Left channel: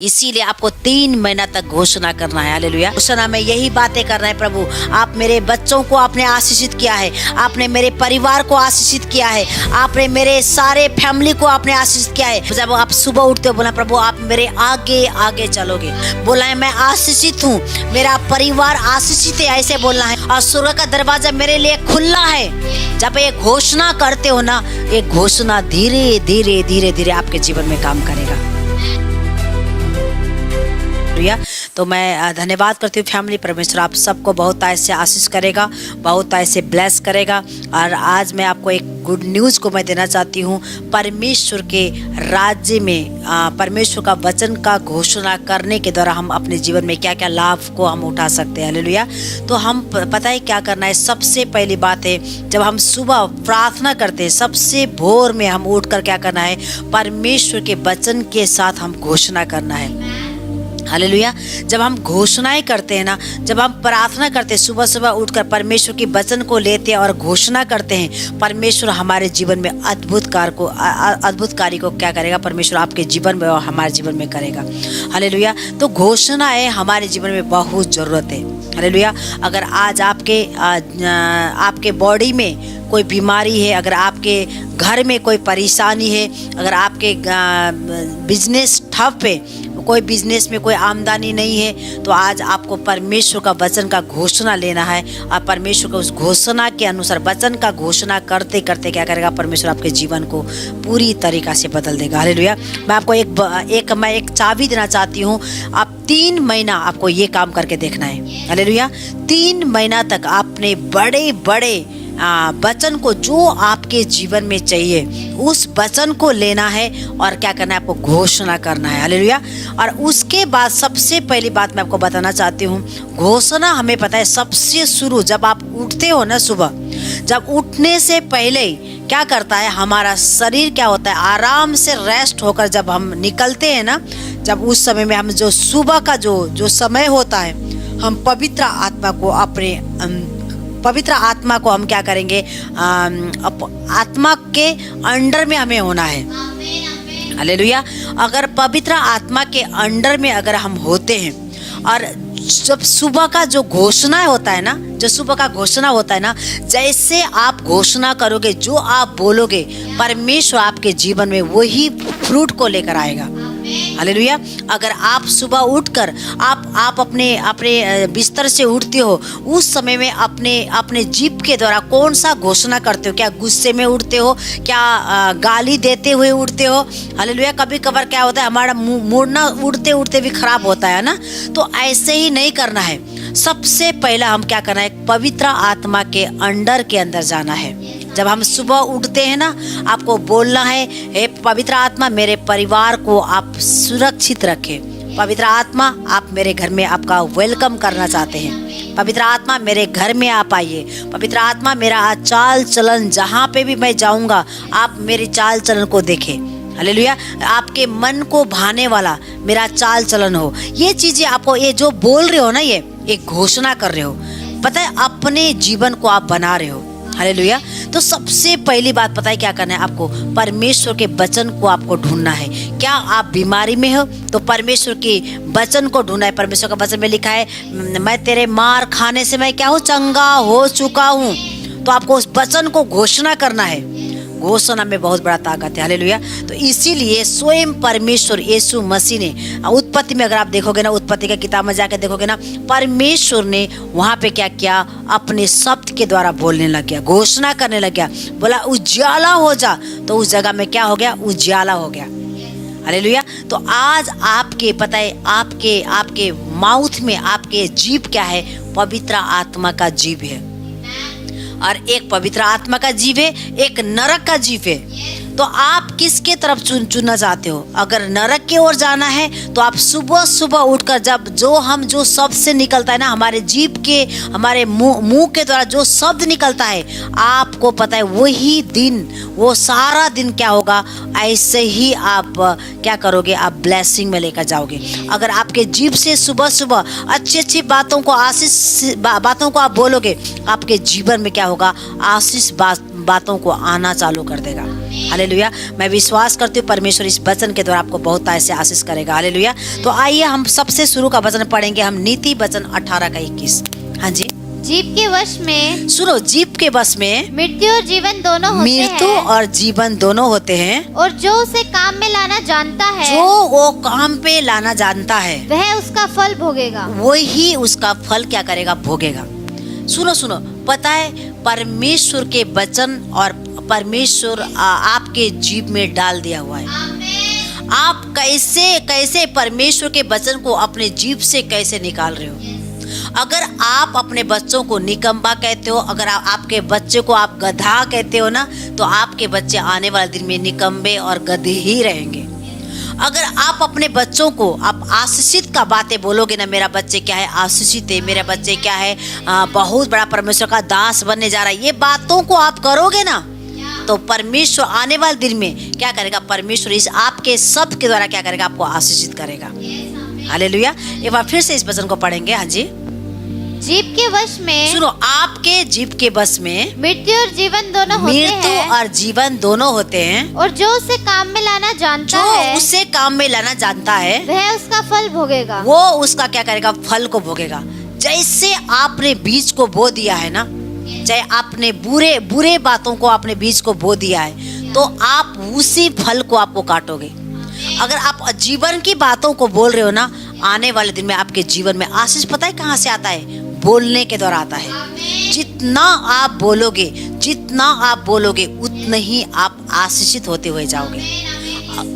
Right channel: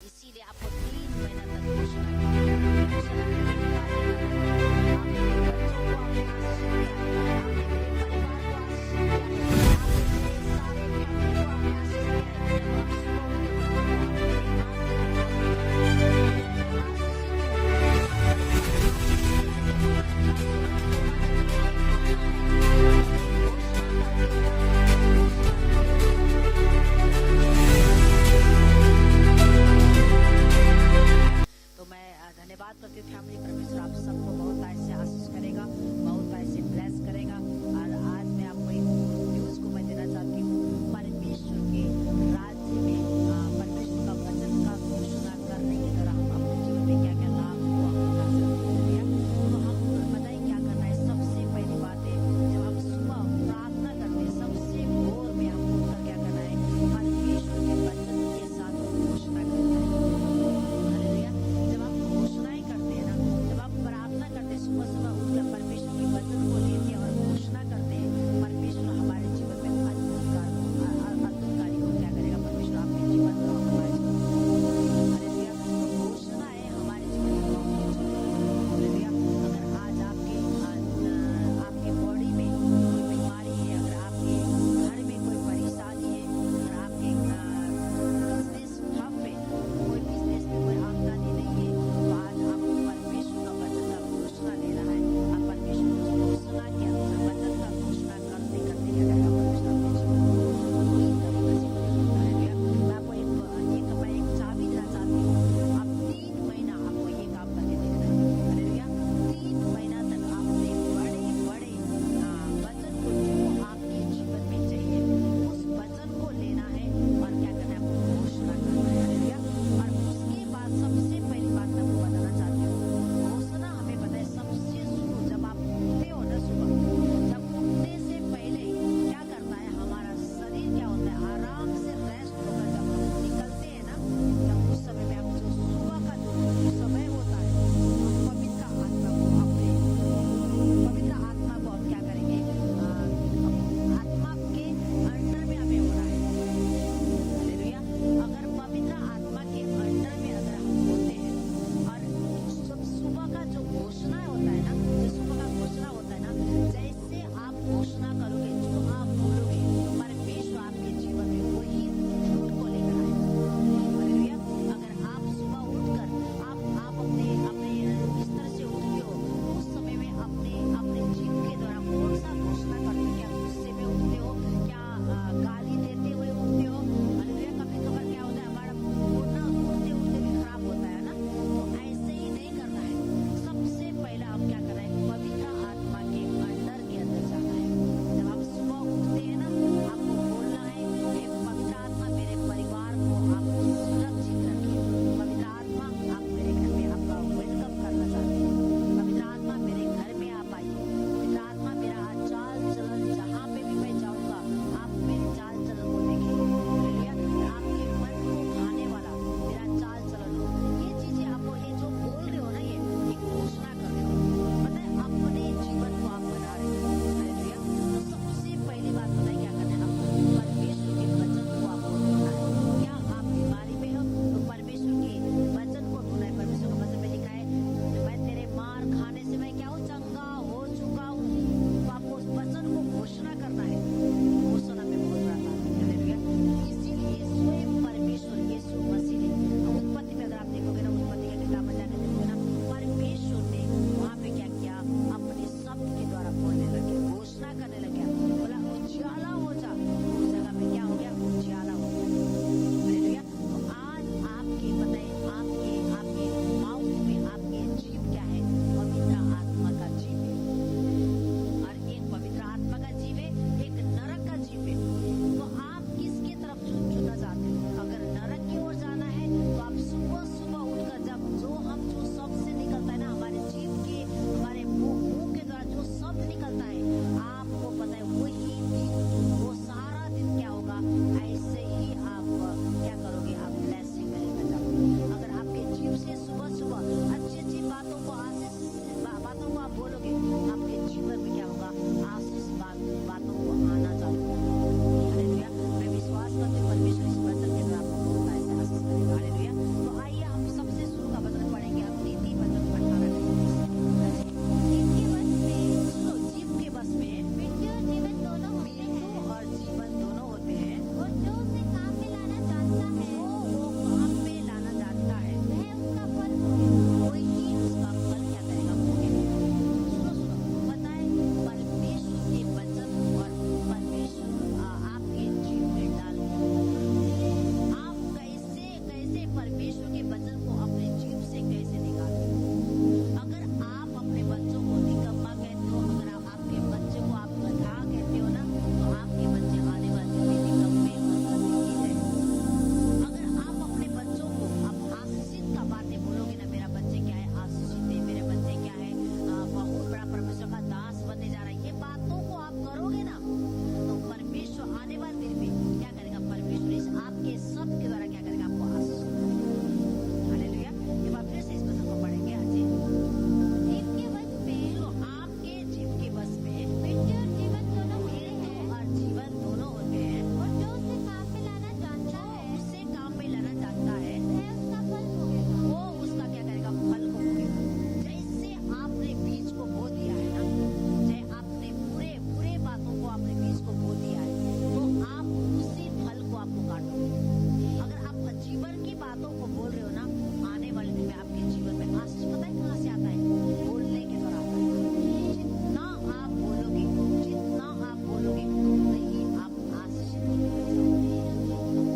इसीलिए आपको 3 महीना तक घोषणा करना है। हालेलुया। घोषणा में यही बातें करना है, प्रभु आप मेरे बच्चों को आपने आशीषित किया है, आपने मेरे परिवार को आशीषित किया है, आपने मेरे सारे फैमिली को आपने आशीषित किया है। जब आप सुबह उठते हो बोला प्रभु आप मेरे आगे आगे चलोगे, बोला है मैं आशीषित हूँ, मेरा परिवार आशीषित है, ऐसे बोलना है। और स्वर्ग का दरवाजा मेरे लिए खुला है। जब ये घोषणा करते हो ना, ये घोषणा धीरे धीरे धीरे धीरे आपके जीवन में काम करेगा। तो मैं धन्यवाद करती हूँ फैमिली। परमेश्वर आप सबको बहुत ऐसे आशीष करेगा, बहुत ऐसे ब्लेस करेगा। और आज मैं आपको एक गुड न्यूज़ को मैं देना चाहती हूँ। परमेश्वर के राज्य में परमेश्वर का वचन का घोषणा करने के द्वारा हम अपने जीवन में क्या क्या लाभ को हम उठा सकते हैं। हालेलुया। तो हम पता है क्या करना है। सबसे पहली बात है, जब हम सुबह प्रार्थना करते हैं, सबसे भोर में हम उठकर क्या करना है, परमेश्वर के वचन के साथ हम घोषणा करना है। हालेलुया। जब हम घोषणाएं करते हैं ना, जब हम प्रार्थना करते हैं, सुबह सुबह उठकर परमेश्वर के वचन को लेते हैं और घोषणा करते हैं, परमेश्वर हमारे जीवन में अद्भुत कार्य को क्या करेगा, परमेश्वर आपके जीवन में और हमारे जीवन में करेगा। हालेलुया। तो घोषणाएं हमारे जीवन में बहुत ज़रूरत है। हालेलुया। अगर आज आपके बॉडी में कोई बीमारी है, अगर आपके घर में कोई परेशानी है, अगर आपके बिजनेस ठप है, कोई बिजनेस में कोई आमदनी नहीं है, तो आज आपको परमेश्वर का वचन का घोषणा लेना है। और परमेश्वर को उस घोषणा के अनुसार वचन का घोषणा करते करते क्या करेगा, परमेश्वर आपके जीवन को पूरी तरीका से बदल देगा। हालेलुया। मैं आपको एक चाबी देना चाहती हूँ। आप 3 महीना आपको ये काम करके देखना है। हालेलुया। 3 महीना तक आपने बड़े बड़े वचन को, जो आपके जीवन में चाहिए उस वचन को लेना है और क्या करना है, आपको घोषणा करना है। हालेलुया। और उसके बाद सबसे पहली बात मैं आपको बताना चाहती हूँ, घोषणा हमें पता है सबसे शुरू जब आप उठते हो ना, सुबह जब उठने से पहले क्या करता है, हमारा शरीर क्या होता है, आराम से रेस्ट होकर जब हम निकलते हैं ना, जब उस समय में हम जो सुबह का जो समय होता है, हम पवित्र आत्मा को हम क्या करेंगे, आत्मा के अंडर में हमें होना है। हालेलुया। अगर पवित्र आत्मा के अंडर में अगर हम होते हैं, और जब सुबह का जो घोषणा होता है ना, जो सुबह का घोषणा होता है ना, जैसे आप घोषणा करोगे, जो आप बोलोगे, परमेश्वर आपके जीवन में वही फ्रूट को लेकर आएगा। हालेलुया। अगर आप सुबह उठकर आप अपने बिस्तर से उठते हो, उस समय में अपने जीभ के द्वारा कौन सा घोषणा करते हो, क्या गुस्से में उठते हो, क्या गाली देते हुए उठते हो। हालेलुया। कभी कभार क्या होता है, हमारा मूड ना उठते उठते भी खराब होता है ना, तो ऐसे ही नहीं करना है। सबसे पहला हम क्या करना है, पवित्र आत्मा के अंडर के अंदर जाना है। जब हम सुबह उठते हैं ना, आपको बोलना है, हे पवित्र आत्मा मेरे परिवार को आप सुरक्षित रखें। पवित्र आत्मा आप मेरे घर में आपका वेलकम करना चाहते हैं। पवित्र आत्मा मेरे घर में आप आइए। पवित्र आत्मा मेरा चाल चलन, जहाँ पे भी मैं जाऊँगा आप मेरे चाल चलन को देखें। हालेलुया। आपके मन को भाने वाला मेरा चाल चलन हो। ये चीज़ें आपको, ये जो बोल रहे हो ना, ये एक घोषणा कर रहे हो, पता है अपने जीवन को आप बना रहे हो। हालेलुया। तो सबसे पहली बात पता है क्या करना है, आपको परमेश्वर के वचन को आपको ढूंढना है। क्या आप बीमारी में हो तो परमेश्वर के वचन को ढूंढना है। परमेश्वर का वचन में लिखा है, मैं तेरे मार खाने से मैं क्या हूँ, चंगा हो चुका हूँ। तो आपको उस वचन को घोषणा करना है। घोषणा में बहुत बड़ा ताकत है। हालेलुया। तो इसीलिए स्वयं परमेश्वर यीशु मसीह ने उत्पत्ति में, अगर आप देखोगे ना, उत्पत्ति का किताब में जाकर देखोगे ना, परमेश्वर ने वहाँ पे क्या किया, अपने शब्द के द्वारा बोलने लग गया, घोषणा करने लग गया। बोला उजाला हो जा, तो उस जगह में क्या हो गया, उजाला हो गया। हालेलुया। तो आज आपके पता है, आपके माउथ में, आपके जीभ क्या है, पवित्र आत्मा का जीभ है। और एक पवित्र आत्मा का जीव है, एक नरक का जीव है। तो आप किसके तरफ चुनना चाहते हो? अगर नरक की ओर जाना है तो आप सुबह सुबह उठकर जो शब्द से निकलता है ना, हमारे जीभ के, हमारे मुंह के द्वारा जो शब्द निकलता है, आपको पता है वही दिन, वो सारा दिन क्या होगा, ऐसे ही आप क्या करोगे, आप ब्लेसिंग में लेकर जाओगे। अगर आपके जीभ से सुबह सुबह अच्छी अच्छी बातों को, आशीष बातों को आप बोलोगे, आपके जीवन में क्या होगा, आशीष बातों को आना चालू कर देगा। हालेलुया। मैं विश्वास करती हूँ परमेश्वर इस वचन के द्वारा आपको बहुत ऐसे आशीष करेगा। हालेलुया। तो आइए हम सबसे शुरू का वचन पढ़ेंगे, हम नीति वचन 18 का 21। हाँ जी। जीव के वश में, सुनो, जीव के वश में मृत्यु और जीवन दोनों होते हैं। मृत्यु और जीवन दोनों होते हैं। और जो उसे काम में लाना जानता है, जो वो काम पे लाना जानता है, वह उसका फल भोगेगा। वही उसका फल क्या करेगा? भोगेगा। सुनो सुनो, पता है परमेश्वर के वचन और परमेश्वर आपके जीव में डाल दिया हुआ है। आप कैसे कैसे परमेश्वर के वचन को अपने जीव से कैसे निकाल रहे हो? अगर आप अपने बच्चों को निकम्मा कहते हो, अगर आपके बच्चे को आप गधा कहते हो ना, तो आपके बच्चे आने वाले दिन में निकम्मे और गधे ही रहेंगे। अगर आप अपने बच्चों को आप आशीषित का बातें बोलोगे ना, मेरा बच्चे क्या है? आशीषित है, मेरे बच्चे क्या है? बहुत बड़ा परमेश्वर का दास बनने जा रहा है, ये बातों को आप करोगे ना, तो परमेश्वर आने वाले दिन में क्या करेगा? परमेश्वर इस आपके शब्द के द्वारा क्या करेगा? आपको आशीषित करेगा। हालेलुया। एक बार फिर से इस वचन को पढ़ेंगे। हाँ जी। जीव के वश में, सुनो, आपके जीव के वश में मृत्यु और जीवन दोनों होते हैं। मृत्यु और जीवन दोनों होते हैं। और जो उसे काम में लाना जानता जो है, उसे काम में लाना जानता है, वह उसका फल भोगेगा। वो उसका क्या करेगा? फल को भोगेगा। जैसे आपने बीज को बो दिया है ना, चाहे आपने बुरे बुरे बातों को आपने बीज को बो दिया है, तो आप उसी फल को आपको काटोगे। अगर आप जीवन की बातों को बोल रहे हो ना, आने वाले दिन में आपके जीवन में आशीष पता है कहाँ से आता है? बोलने के द्वारा आता है। जितना आप बोलोगे उतना ही आप आशीषित होते हुए जाओगे।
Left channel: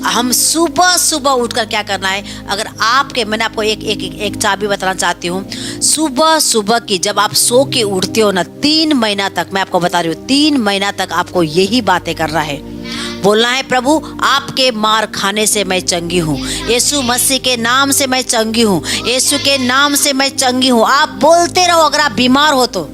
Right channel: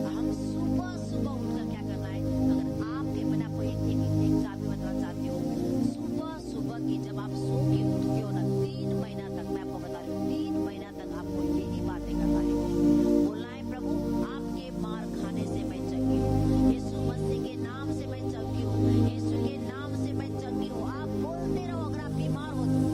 हम सुबह सुबह उठकर क्या करना है? अगर आपके, मैंने आपको एक चाबी बताना चाहती हूँ। सुबह सुबह की जब आप सो के उठते हो ना, 3 महीना तक, मैं आपको बता रही हूँ, 3 महीना तक आपको यही बातें करना है। बोलना है, प्रभु आपके मार खाने से मैं चंगी हूँ, यीशु मसीह के नाम से मैं चंगी हूँ, यीशु के नाम से मैं चंगी हूँ। आप बोलते रहो। अगर आप बीमार हो तो,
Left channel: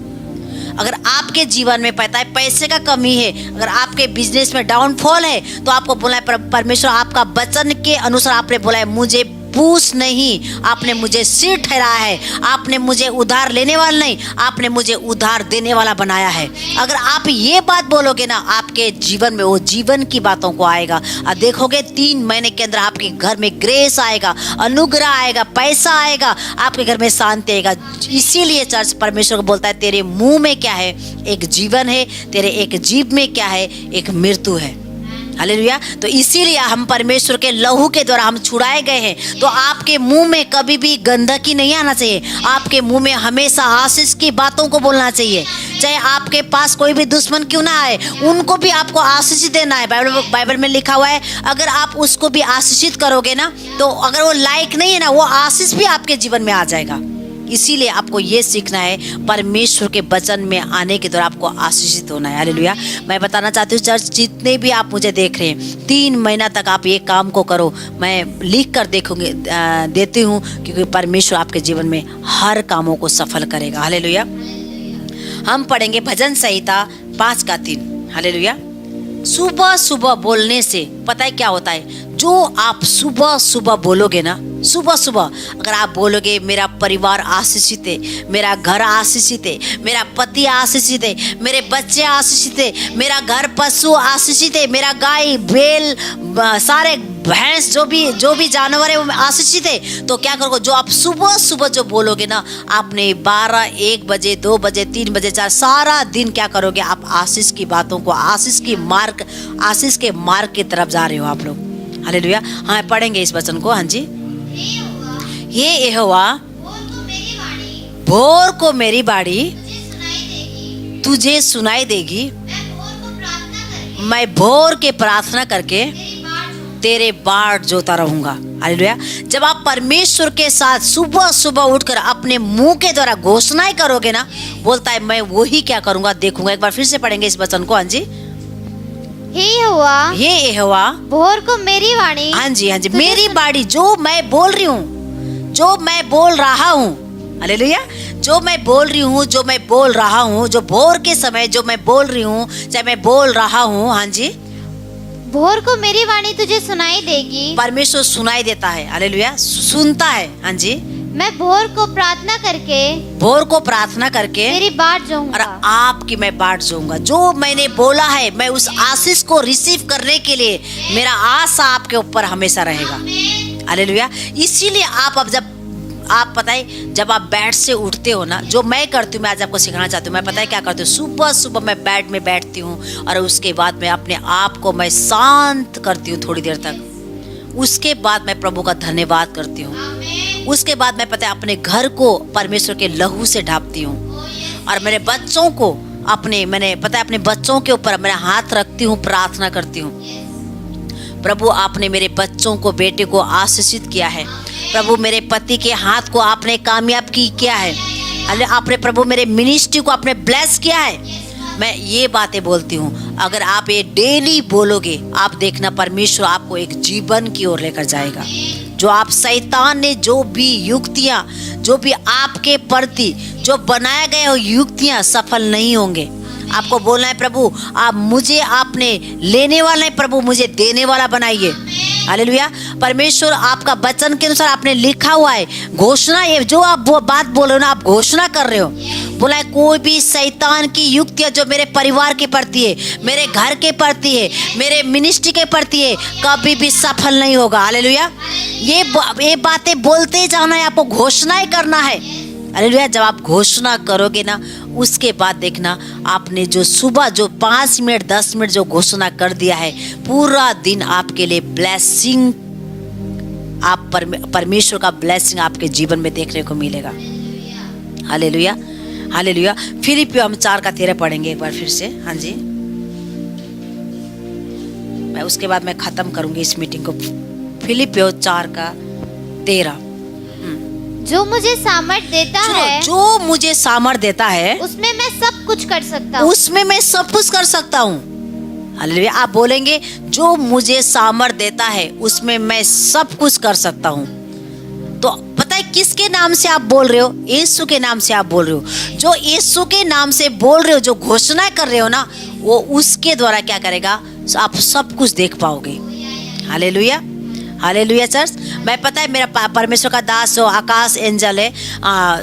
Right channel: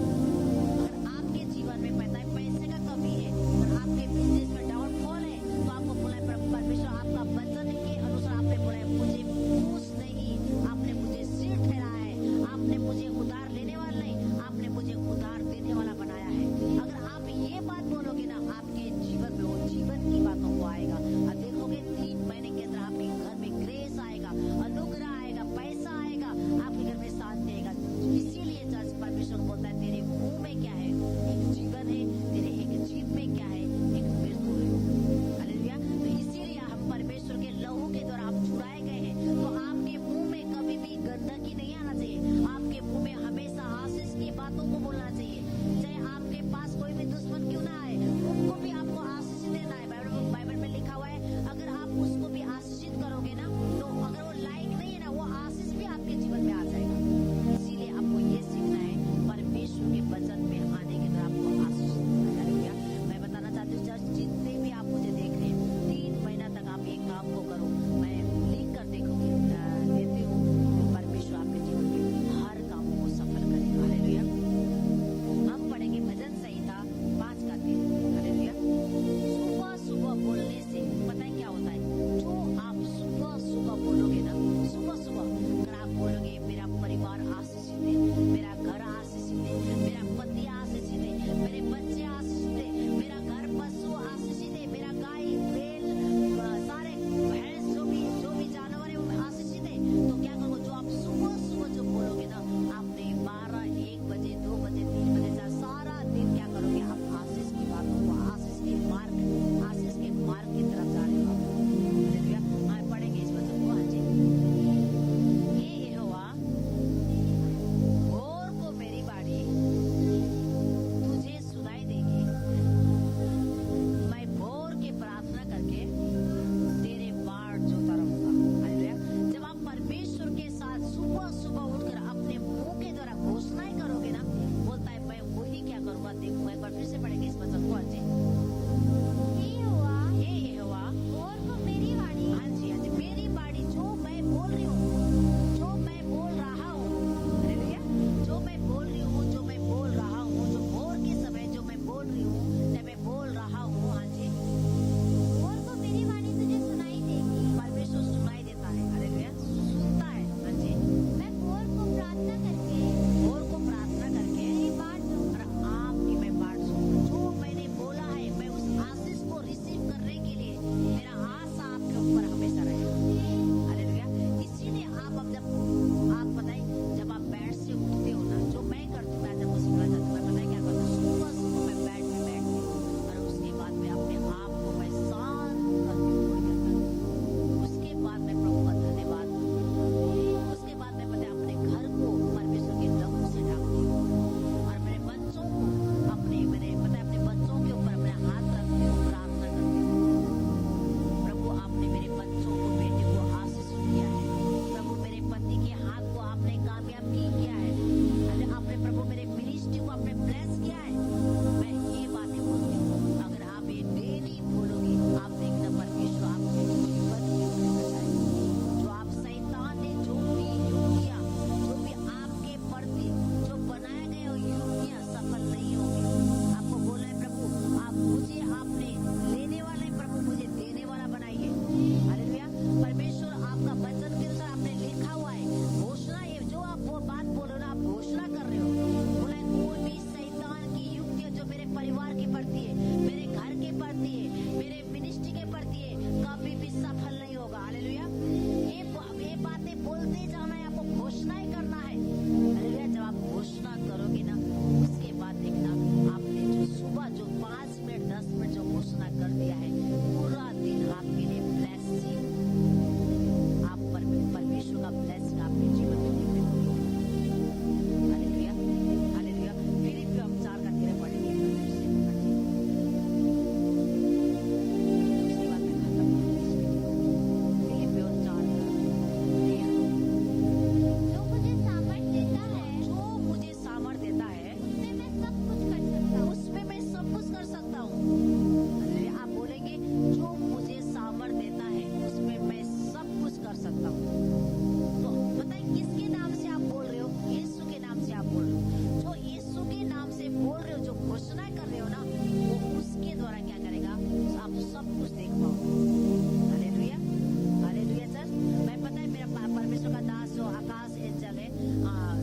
अगर आपके जीवन में पता है पैसे का कमी है, अगर आपके बिजनेस में डाउनफॉल है, तो आपको बोला है परमेश्वर आपका वचन के अनुसार आपने बोला है, मुझे पूछ नहीं, आपने मुझे सिर ठहराया है, आपने मुझे उधार लेने वाला नहीं, आपने मुझे उधार देने वाला बनाया है। अगर आप ये बात बोलोगे ना, आपके जीवन में वो जीवन की बातों को आएगा। और देखोगे 3 महीने के अंदर आपके घर में ग्रेस आएगा, अनुग्रह आएगा, पैसा आएगा, आपके घर में शांति आएगा। इसीलिए चर्च परमेश्वर को बोलता है, तेरे मुंह में क्या है? एक जीवन है, तेरे एक जीव में क्या है? एक मृत्यु है। हालेलुया। तो इसीलिए हम परमेश्वर के लहू के द्वारा हम छुड़ाए गए हैं। तो आपके मुंह में कभी भी गंदगी नहीं आना चाहिए। आपके मुंह में हमेशा आशीष की बातों को बोलना चाहिए। चाहे आपके पास कोई भी दुश्मन क्यों ना आए, उनको भी आपको आशीष देना है। बाइबल में लिखा हुआ है, अगर आप उसको भी आशीषित करोगे ना, तो अगर वो लायक नहीं है ना, वो आशीष भी आपके जीवन में आ जाएगा। इसीलिए आपको ये सीखना है, परमेश्वर के वचन में आने के दौरान आपको आशीषित होना है। हालेलुया। मैं बताना चाहती हूँ चर्च, जितने भी आप मुझे देख रहे हैं, 3 महीना तक आप ये काम को करो। मैं लिख कर देती हूँ, क्योंकि परमेश्वर आपके जीवन में हर कामों को सफल करेगा। हालेलुया। हम पढ़ेंगे भजन संहिता 5 का 3। हालेलुया। सुबह सुबह बोलने से पता है क्या होता है? जो आप सुबह सुबह बोलोगे ना, सुबह सुबह अगर आप बोलोगे, मेरा परिवार आशीषित है, मेरा घर आशीषित है, मेरा पति आशीषित है, मेरे बच्चे आशीषित है, मेरा घर पशु आशीषित है, मेरा गाय बैल सारे भैंस जो भी जानवर है वो आशीषित है, तो क्या करोगे? जो आप सुबह सुबह जो बोलोगे ना, आपने 12, 1 बजे, 2 बजे, 3 बजे, 4 सारा दिन क्या करोगे? आप आशीष की बातों को, आशीष के मार्ग की तरफ जा रहे हो आप लोग। हालेलुया। हाँ, पढ़ेंगे इस वचन को। हाँ जी। ये यहोवा भोर को मेरी बाड़ी तुझे सुनाई देगी, मैं भोर के प्रार्थना करके तेरे बाट जोता रहूंगा। हालेलुया। जब आप परमेश्वर के साथ सुबह सुबह उठकर अपने मुंह के द्वारा घोषणाएं करोगे ना, बोलता है मैं वही क्या करूंगा, देखूंगा। एक बार फिर से पढ़ेंगे इस वचन को। हाँ जी। हे यहोवा भोर को मेरी वाणी, हाँ जी, हाँ जी, मेरी बाड़ी, जो मैं बोल रही हूँ, जो मैं बोल रहा हूँ। हालेलुया। जो मैं बोल रही हूँ, जो मैं बोल रहा हूँ, जो भोर के समय जो मैं बोल रही हूँ, चाहे मैं बोल रहा हूँ। हाँ जी। भोर को मेरी वाणी तुझे सुनाई देगी। परमेश्वर सुनाई देता है। हालेलुया। सुनता है। हाँ जी। मैं भोर को प्रार्थना करके मेरी बाट और जाऊंगा। आपकी मैं बाट जाऊंगा। जो मैंने बोला है मैं उस आशीष को रिसीव करने के लिए मेरा आशा आपके ऊपर हमेशा रहेगा। हालेलुया। इसीलिए आप बताए जब आप बेड से उठते हो ना, जो मैं करती हूँ, मैं आज आपको सिखाना चाहती हूँ। मैं पता है क्या करती हूँ, सुबह सुबह मैं बेड में बैठती हूँ और उसके बाद मैं अपने आप को मैं शांत करती हूँ थोड़ी देर तक। उसके बाद मैं प्रभु का धन्यवाद करती हूँ। उसके बाद मैं पता है अपने घर को परमेश्वर के लहू से ढापती हूँ और मेरे बच्चों को मैंने पता है अपने बच्चों के ऊपर मेरा हाथ रखती हूँ, प्रार्थना करती हूँ। प्रभु आपने मेरे बच्चों को, बेटे को आशीषित किया है। प्रभु मेरे पति के हाथ को आपने कामयाब किया है। आपने प्रभु मेरे मिनिस्ट्री को आपने ब्लेस किया है। मैं ये बातें बोलती हूँ, अगर आप ये डेली बोलोगे, आप देखना परमेश्वर आपको एक जीवन की ओर लेकर जाएगा। जो आप शैतान ने जो भी युक्तियाँ, जो भी आपके प्रति जो बनाए गए हो युक्तियाँ सफल नहीं होंगे। आपको बोलना है प्रभु आप मुझे, आपने लेने वाला है प्रभु, मुझे देने वाला बनाइए। हालेलुया। परमेश्वर आपका वचन के अनुसार आपने लिखा हुआ है, घोषणा, ये जो आप वो बात बोल रहे हो ना, आप घोषणा कर रहे हो। बोला है कोई भी शैतान की युक्तियां जो मेरे परिवार के प्रति है, मेरे घर के प्रति है, मेरे मिनिस्ट्री के प्रति है, कभी भी सफल नहीं होगा। हालेलुया। ये बातें बोलते जाना है, आपको घोषणा ही करना है। हालेलुया। जब आप घोषणा करोगे ना, उसके बाद देखना आपने जो सुबह जो 5 मिनट 10 मिनट जो घोषणा कर दिया है, पूरा दिन आपके लिए ब्लेसिंग, आप परमेश्वर का ब्लेसिंग आपके जीवन में देखने को मिलेगा। हालेलुया। हालेलुया। फिलिपियों हम 4:13 पढ़ेंगे एक बार फिर से। हाँ जी, मैं उसके बाद मैं खत्म करूंगी इस मीटिंग को। फिलिपियों 4:13। जो मुझे सामर्थ देता है, जो मुझे सामर्थ देता है, उसमें मैं सब कुछ कर सकता हूँ। उसमें मैं सब कुछ कर सकता हूँ। हालेलुया। आप बोलेंगे जो मुझे सामर्थ देता है उसमें मैं सब कुछ कर सकता हूँ। तो पता है किसके नाम से आप बोल रहे हो? यीशु के नाम से आप बोल रहे हो। जो यीशु के नाम से बोल रहे हो, जो घोषणा कर रहे हो ना, वो उसके द्वारा क्या करेगा, आप सब कुछ देख पाओगे। हालेलुया। Hallelujah church. मैं पता है मेरा परमेश्वर का दास जो आकाश एंजल है,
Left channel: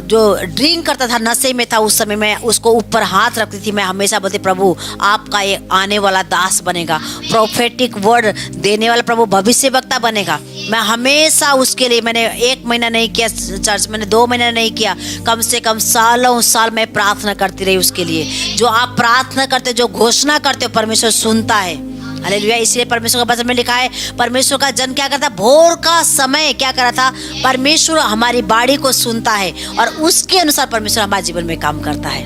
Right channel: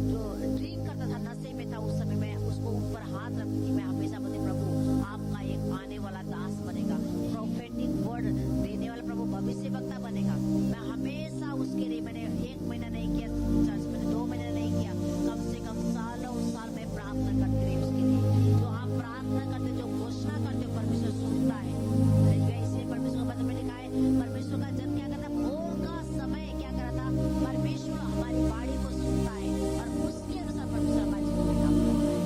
जो ड्रिंक करता था, नशे में था, उस समय मैं उसको ऊपर हाथ रखती थी। मैं हमेशा बोलती प्रभु आपका ये आने वाला दास बनेगा, प्रोफेटिक वर्ड देने वाला प्रभु भविष्य वक्ता बनेगा। मैं हमेशा उसके लिए, मैंने 1 महीना नहीं किया चर्च, मैंने 2 महीना नहीं किया, कम से कम सालों साल मैं प्रार्थना करती रही उसके लिए। जो आप प्रार्थना करते, जो घोषणा करते हो, परमेश्वर सुनता है। हालेलुया। इसलिए परमेश्वर का वचन में लिखा है, परमेश्वर का जन क्या करता, भोर का समय क्या करा था, परमेश्वर हमारी बाणी को सुनता है और उसके अनुसार परमेश्वर हमारे जीवन में काम करता है।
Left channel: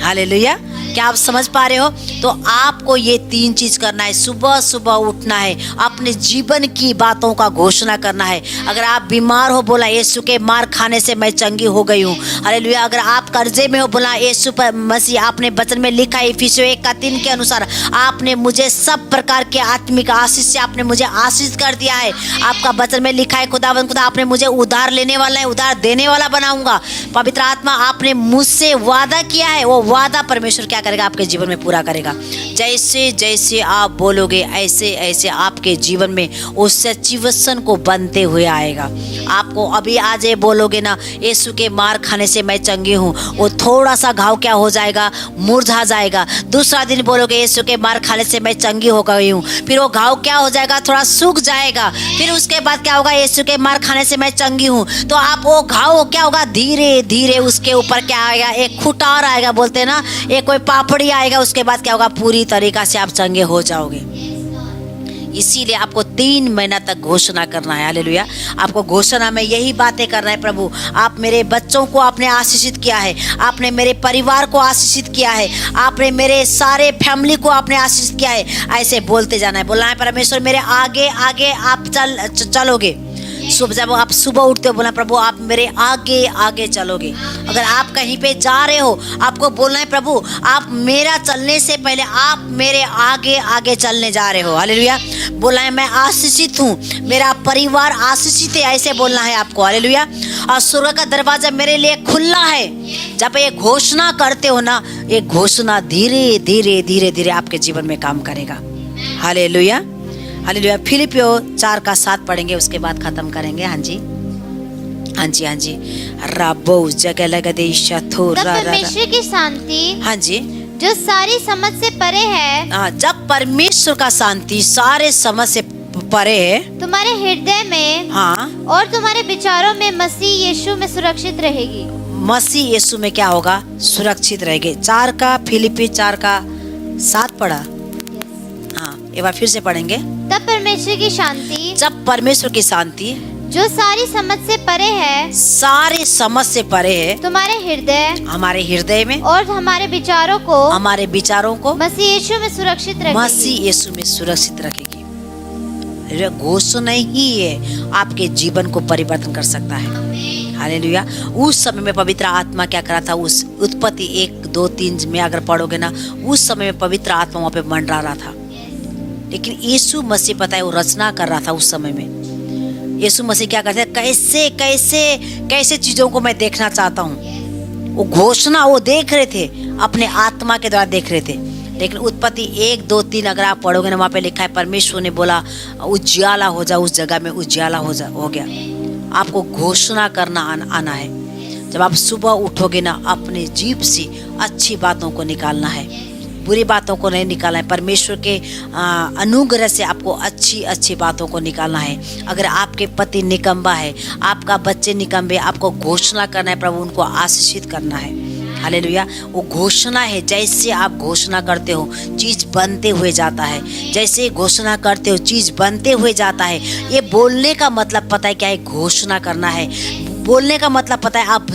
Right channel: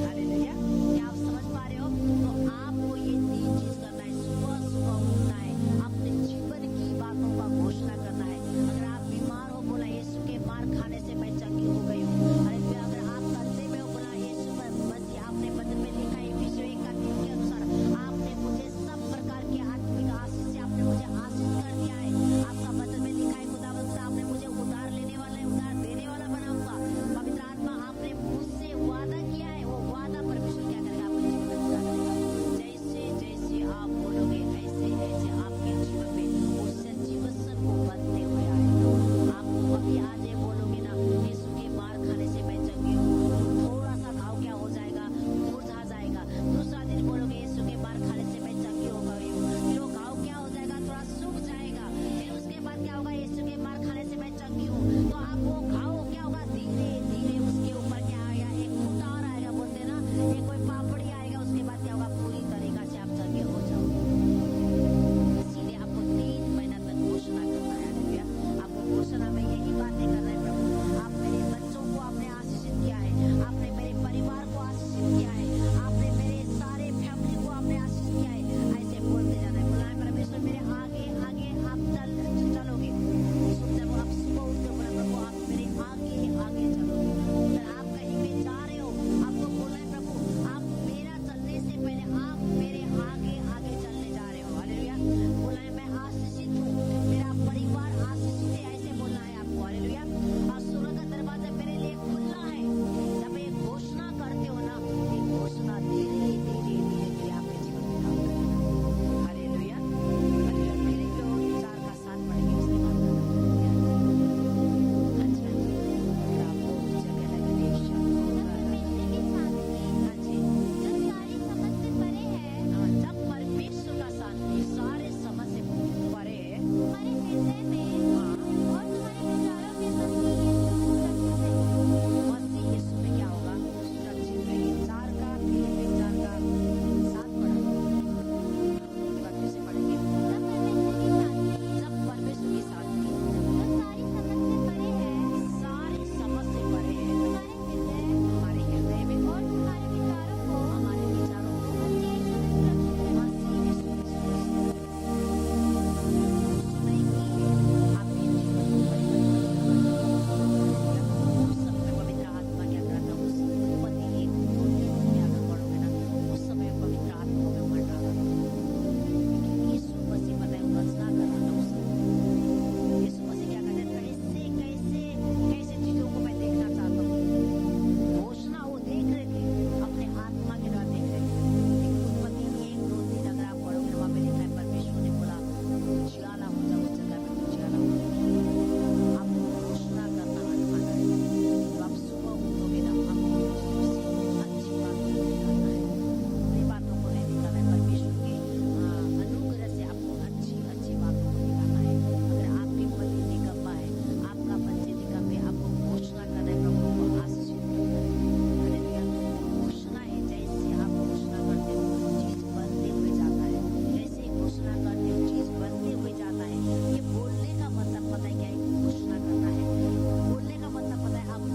हालेलुया। क्या आप समझ पा रहे हो? तो आपको ये 3 चीज करना है। सुबह सुबह उठना है, अपने जीवन की बातों का घोषणा करना है। अगर आप बीमार हो, बोला यीशु के मार खाने से मैं चंगी हो गई हूँ। हालेलुया। अगर आप कर्जे में हो, बोला यीशु मसीह आपने वचन में लिखा है इफिसियों 1:3 के अनुसार, आपने मुझे सब प्रकार के आत्मिक आशीष से आपने मुझे आशीष कर दिया है। आपका वचन में लिखा है खुदावंद खुदा आपने मुझे उधार लेने वाला है, उधार देने वाला बनाऊंगा। पवित्र आत्मा आपने मुझसे वादा किया है, वो वादा परमेश्वर क्या करेगा, आपके जीवन में पूरा करेगा। जैसे जैसे आप बोलोगे ऐसे ऐसे आपके जीवन में उस सच्ची वचन को बनते हुए आएगा। आपको अभी आज ये बोलोगे ना, यीशु के मार खाने से मैं चंगी हूँ, वो थोड़ा सा घाव क्या हो जाएगा, मुरझा जाएगा। दूसरा दिन बोलोगे यीशु के मार खाने से मैं चंगी हो गई हूँ, फिर वो घाव क्या हो जाएगा, थोड़ा सूख जाएगा। फिर उसके बाद क्या होगा, यीशु के मार खाने से मैं चंगी हूँ, तो आप वो घाव क्या होगा, धीरे धीरे उसके ऊपर क्या आएगा, एक खुटार आएगा, बोलते हैं ना, एक कोई पापड़ी आएगा। उसके बाद क्या होगा, पूरी तरीका से आप चंगे हो जाओगे। इसीलिए आपको 3 महीना तक घोषणा करना है। हालेलुया। आपको घोषणा में यही बातें करना है, प्रभु आप मेरे बच्चों को आपने आशीषित किया है, आपने मेरे परिवार को आशीषित किया है, आपने मेरे सारे फैमिली को आपने आशीषित किया है। ऐसे बोलते जाना है, बोलना है परमेश्वर मेरे आगे आगे आप चलोगे। जब आप सुबह उठते हो, बोलना प्रभु आप मेरे आगे आगे चलोगे। अगर आप कहीं पे जा रहे हो, आपको बोलना है प्रभु आप मेरा चलने से पहले आप मेरे आगे आगे चलने जा रहे हो। हालेलुया। बोलना है मैं आशीषित हूँ, मेरा परिवार आशीषित है, ऐसे बोलना है आपको। हालेलुया। और स्वर्ग का दरवाजा मेरे लिए खुला है। जब ये घोषणा करते हो ना, ये घोषणा धीरे धीरे धीरे धीरे आपके जीवन में काम करेगा। हालेलुया। हालेलुया। फिलिपियों 4:7 पढ़ेंगे, उसके बाद खत्म करेंगे। हाँ जी, हाँ हाँ जी, हाँ जी। राबो जगह लगा दे शथो तब रा रा रा। परमेश्वर की शांति हाँ जी। जो सारी समझ से परे है हाँ, जब परमेश्वर का शांति सारे समझ से परे है, तुम्हारे हृदय में हाँ, और तुम्हारे विचारों में मसीह यीशु में सुरक्षित रहेगी। मसीह यीशु में क्या होगा? सुरक्षित रहेंगे। 4 का फिलिपी 4 का 7 पढ़ा। हाँ, एक बार फिर से पढ़ेंगे। तब परमेश्वर की शांति जब परमेश्वर की शांति जो सारी समझ से परे है सारे समझ से परे है, तुम्हारे हृदय हमारे हृदय में और हमारे विचारों को हमारे विचारों को मसीह यीशु में सुरक्षित रखेगी। मसीह यीशु में सुरक्षित रखेगी। यह घोषणा ही है आपके जीवन को परिवर्तन कर सकता है। हालेलुया। उस समय में पवित्र आत्मा क्या करा था? उस उत्पत्ति 1, 2, 3 में अगर पढ़ोगे ना, उस समय में पवित्र आत्मा वहाँ पे मंडरा रहा था। लेकिन यीशु मसीह पता है वो रचना कर रहा था उस समय में। यीशु मसीह क्या करते हैं? कैसे कैसे कैसे चीजों को मैं देखना चाहता हूँ। वो घोषणा वो देख रहे थे, अपने आत्मा के द्वारा देख रहे थे। लेकिन उत्पत्ति 1, 2, 3 अगर आप पढ़ोगे ना, वहाँ पे लिखा है परमेश्वर ने बोला उजियाला हो जा, उस जगह में उजियाला हो गया। आपको घोषणा करना आना है। जब आप सुबह उठोगे ना, अपने जीभ से अच्छी बातों को निकालना है, बुरी बातों को नहीं निकालना है। परमेश्वर के अनुग्रह से आपको अच्छी अच्छी बातों को निकालना है। अगर आपके पति निकम्बा है, आपका बच्चे निकम्बे, आपको घोषणा करना है, प्रभु उनको आशीषित करना है। हालेलुया। वो घोषणा है। जैसे आप घोषणा करते हो चीज बनते हुए जाता है। जैसे घोषणा करते हो चीज बनते हुए जाता है। ये बोलने का मतलब पता है क्या है? घोषणा करना है। बोलने का मतलब पता है? आप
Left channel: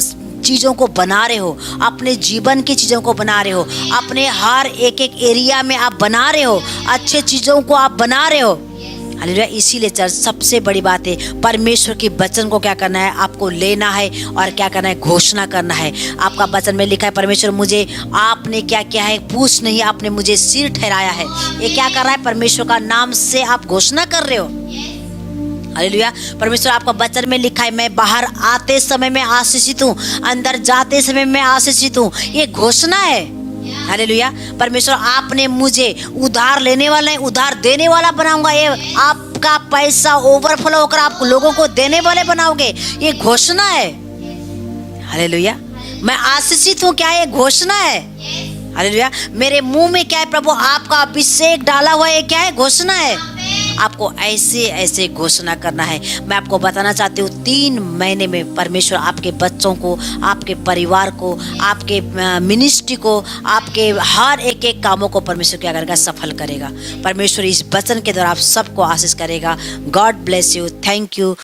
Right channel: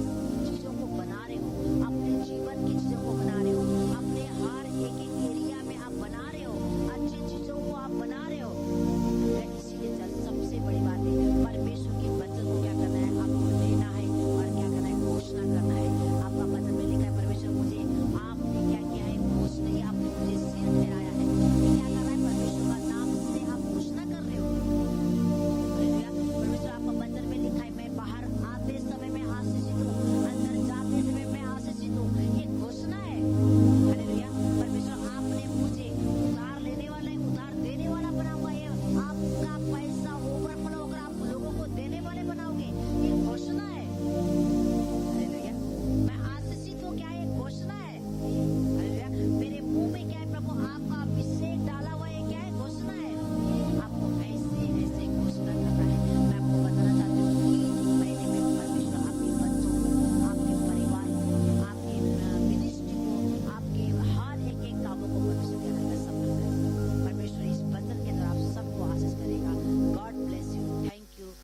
चीजों को बना रहे हो, अपने जीवन की चीजों को बना रहे हो, अपने हर एक एरिया में आप बना रहे हो, अच्छे चीजों को आप बना रहे हो। हालेलुया। इसीलिए चर्च सबसे बड़ी बात है, परमेश्वर की वचन को क्या करना है? आपको लेना है और क्या करना है? घोषणा करना है। आपका वचन में लिखा है, परमेश्वर मुझे आपने क्या किया है? पूछ नहीं, आपने मुझे सिर ठहराया है। ये क्या कर रहा है? परमेश्वर का नाम से आप घोषणा कर रहे हो। हालेलुया। परमेश्वर आपका वचन में लिखा है, मैं बाहर आते समय में आशीषित हूँ, अंदर जाते समय में आशीषित हूँ। ये घोषणा है। हालेलुया। परमेश्वर आपने मुझे उधार लेने वाला है, उधार देने वाला बनाऊंगा। ये आपका पैसा ओवरफ्लो होकर आप लोगों को देने वाले बनाओगे। ये घोषणा है। हालेलुया। मैं आशीषित हूँ, क्या ये घोषणा है। हालेलुया। मेरे मुंह में क्या है? प्रभु आपका अभिषेक डाला हुआ है, क्या है? घोषणा है। आपको ऐसे ऐसे घोषणा करना है। मैं आपको बताना चाहती हूँ 3 महीने में परमेश्वर आपके बच्चों को, आपके परिवार को, आपके मिनिस्ट्री को, आपके हर एक कामों को परमेश्वर क्या करेगा? सफल करेगा। परमेश्वर इस वचन के द्वारा आप सबको आशीष करेगा। God bless you. Thank you.